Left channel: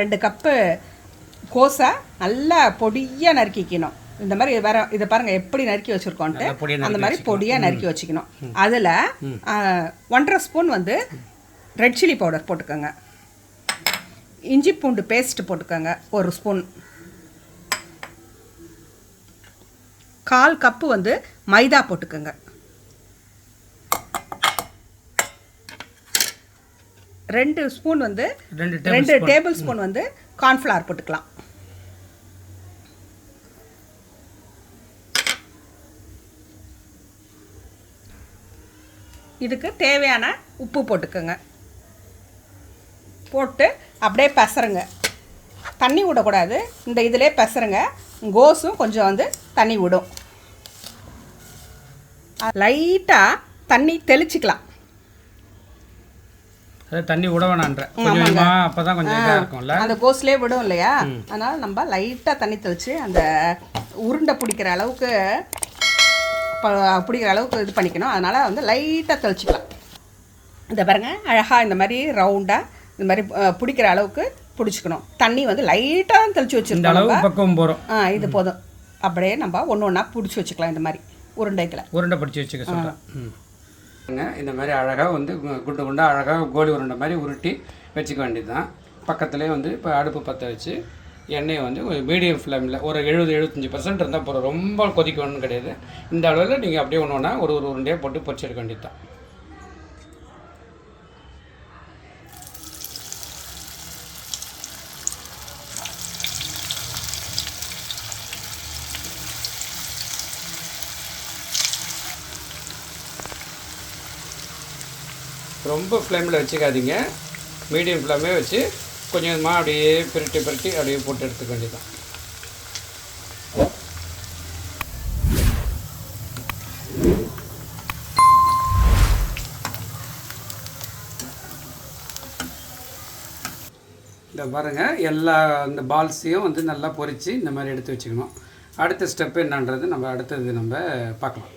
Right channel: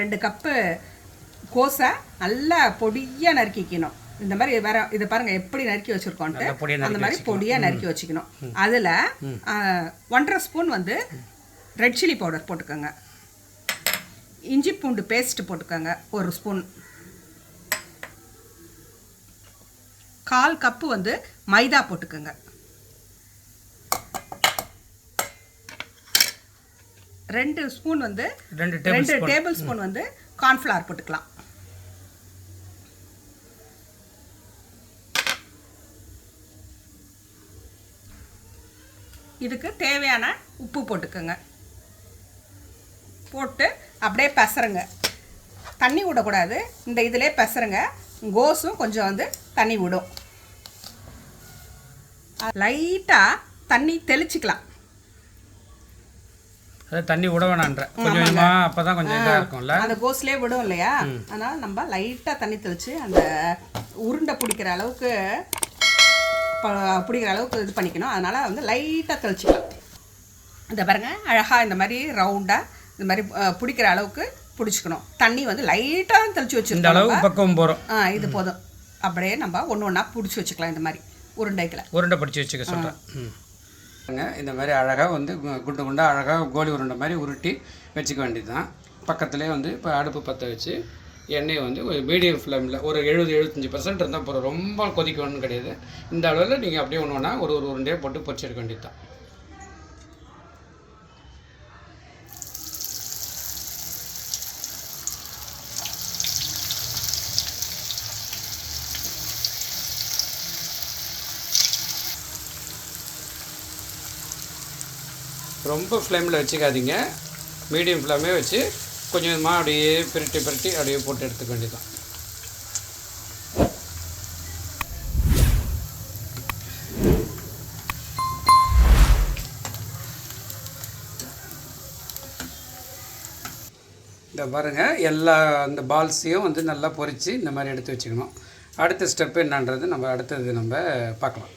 ரெண்டு கப்பு கோஸை நல்லா பொடியாக நறுக்கிக்கணும் இந்த மாதிரி வேற இதை பாருங்க எப்படி நறுக்கி வச்சிருக்கோன்ட்டு. அந்த மாதிரி பொடியாக நறுக்கி வச்சுக்கணும். அதில் ஒன்றரை ஸ்பூன் வந்து ரெட் சில்லி பவுடர் போட்டுக்கோங்க. இஞ்சி பூண்டு பேஸ்ட் போட்டுக்கோங்க ஒரு ஸ்பூன் கால் கப்பு வந்து மைதா போட்டுக்கோங்க. ரெண்டு ஸ்பூன் வந்து ரெண்டு டேபிள் ரெண்டு டேபிள் ஸ்பூன். வந்து கார்ன்ஃப்ளவர் போட்டுக்கலாம். இதுக்கு தேவையான உப்பு போட்டுக்கோங்க. போட்டு அப்படியே பெசருங்க. தண்ணி விடக்கூடாது. இந்த இதிலே பெசருங்க. கோஸும் கொஞ்சம் வந்து தண்ணி விடும். லைட்டாக தண்ணி தெளிச்சிக்கலாம். அதாவது தண்ணி விட வேணான்ற கொஞ்சம் கொஞ்சமாக அப்போ தான் கொஞ்சம் இதாக இருக்கும்ல. அந்த கோஸ்லேயே விடும் இல்லையா? அதனால நம்ம லைட்டாக தண்ணி தெளித்து அந்த உருண்டை பிடிக்கிற அளவுக்கு பிடிக்கிற அளவுக்கு இது பண்ணிக்கணும். அதனால் வந்து லைட்டாக தெளிச்சிக்கலாம். இந்த பாருங்க அழகாக இந்த மாதிரி ரவுண்டாக இந்த மாதிரி பிடிக்கிற அளவுக்கு பிடிச்சிக்கணும். தண்ணி வந்து லைட்டாக தான் தெளித்து இந்த வச்சுருக்கோம் அளவு பக்கம் போகிறோம் ஆ இது போதும். அப்படியே நம்ம ஒன்று ஒன்றா பிடிச்சி வச்சுக்கலாம் இந்த மாதிரி. உருண்டைகளை. உருண்டை பிடிச்சி வச்சுக்க சொல்கிறேன் இந்த மாதிரி அழகாக வந்து கு- குண்டு குண்டாக அழகாக கோலி உருண்டை மாதிரி உருட்டி வச்சுக்க வேண்டியது தான் பக்கத்துலேயே வந்து இப்போ அடுப்பு பற்ற வச்சு எண்ணெயை வந்து ஒரு மீடியம் ஃப்ளேமில் ஒரு எழுபது எழுபத்தஞ்சி பர்சன்ட் இருந்தால் போகிற ரொம்ப கொதிக்கணும்னு கிடையாது. இந்த அளவில் நீங்கள் அப்படியே ஒன்று ஒன்றா ஒரு ஒரு உருண்டையாக போட்டு பொறிச்செடுக்க வேண்டியது தான் ரொம்ப ஃப்ளேமில் வச்சுக்காதீங்க. மீடியம் ஃப்ளேமே வச்சு கொஞ்சம் கொஞ்சமாக அப்படியே பிரட்டி பிரட்டி அப்படியே போட்டு எடுத்துக்க வேண்டியதுதான். இந்த பாருங்கள் எல்லா அந்த பால்ஸையும் வந்து நல்லா பொரித்து இந்த மாதிரி எடுத்து வச்சுக்கணும். அடுத்த ஸ்டெப் என்னன்றது நம்ம அடுத்தது நம்ம பார்க்கலாம்.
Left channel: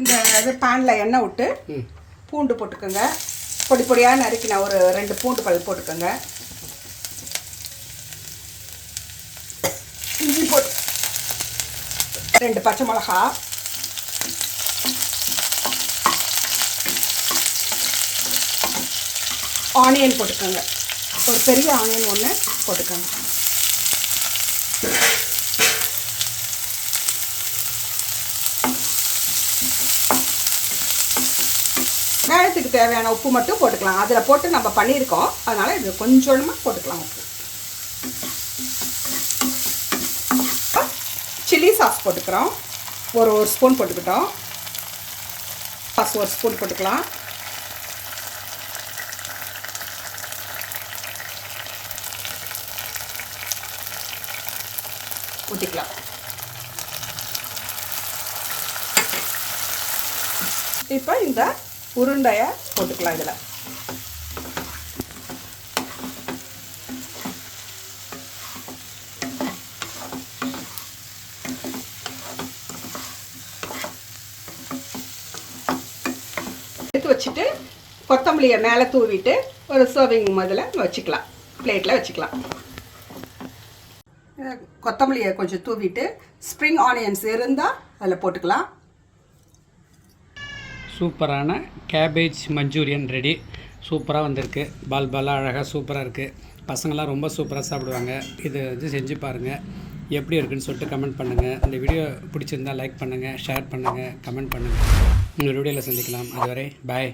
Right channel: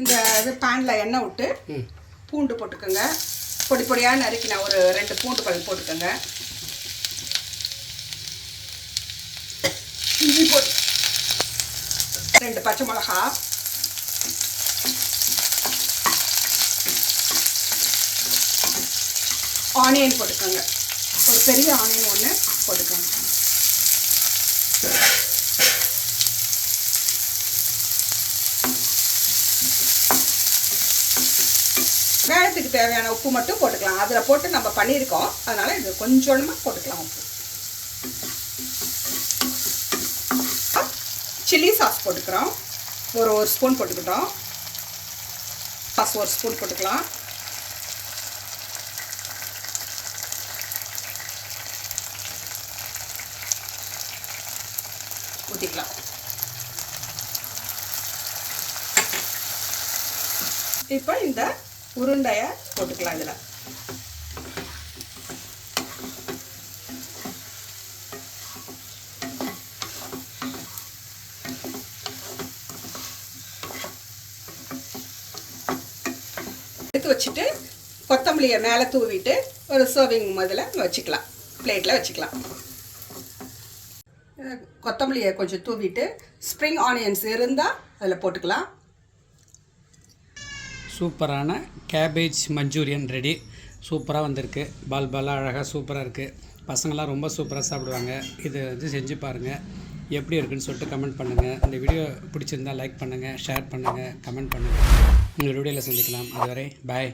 இந்த இது பேனில் எண்ணெய் விட்டு பூண்டு போட்டுக்கோங்க. பொடி பொடியாக நறுக்கின ஒரு ரெண்டு பூண்டு பல் போட்டுக்கோங்க. இஞ்சி போட்டு ரெண்டு பச்சை மிளகா. ஆனியன் போட்டுக்கோங்க. ஒரு பெரிய ஆனியன் ஒன்று போட்டுக்கோங்க. தேவையான உப்பு மட்டும் போட்டுக்கலாம். அதில் போட்டு நம்ம பண்ணியிருக்கோம். அதனால் இது கொஞ்சமாக போட்டுக்கலாம். உப்பு சில்லி சாஸ் போட்டுக்கிறோம். ஒரு ஒரு ஸ்பூன் போட்டுக்கிட்டோம். சாஸ் ஒரு ஸ்பூன் போட்டுக்கலாம். ஊற்றிக்கலாம் இப்போ இந்த உருண்டையை போட்டுக்கலாம் இதில். எடுத்து வச்சுட்டு கொத்தமல்லியை மேலே தூவிட்டு ஒரு சர்விங் முதல்ல வச்சுக்கலாம். பிளேட்டில் வச்சுக்கலாம். கொத்தமல்லியை கொஞ்சம் தூவிட்டு ஸ்ப்ரிங் ஆனியன்ஸ் இருந்தால் அதில் போட்டுக்கலாம். சூப்பரான கேபேஜ் மஞ்சூரியன் ரெடி சூப்பராக வந்திருக்கு. பால் பாலாக அழகாக சூப்பராக இருக்குது பசங்களாம் ரொம்ப சூப்பராக சாப்பிடுவாங்க. இது வந்து செஞ்சு பாருங்கள் எப்படி இருக்குன்னு சொல்லிட்டு கமெண்ட் பண்ணுங்கள் இந்த வீடியோ பிடிச்சிருந்தா லைக் பண்ணுங்கள் ஷேர் பண்ணுங்கள் கமெண்ட் பண்ணுங்கள் இன்னொரு வீடியோவில் சந்திக்கலாம். அதுவரை பாய்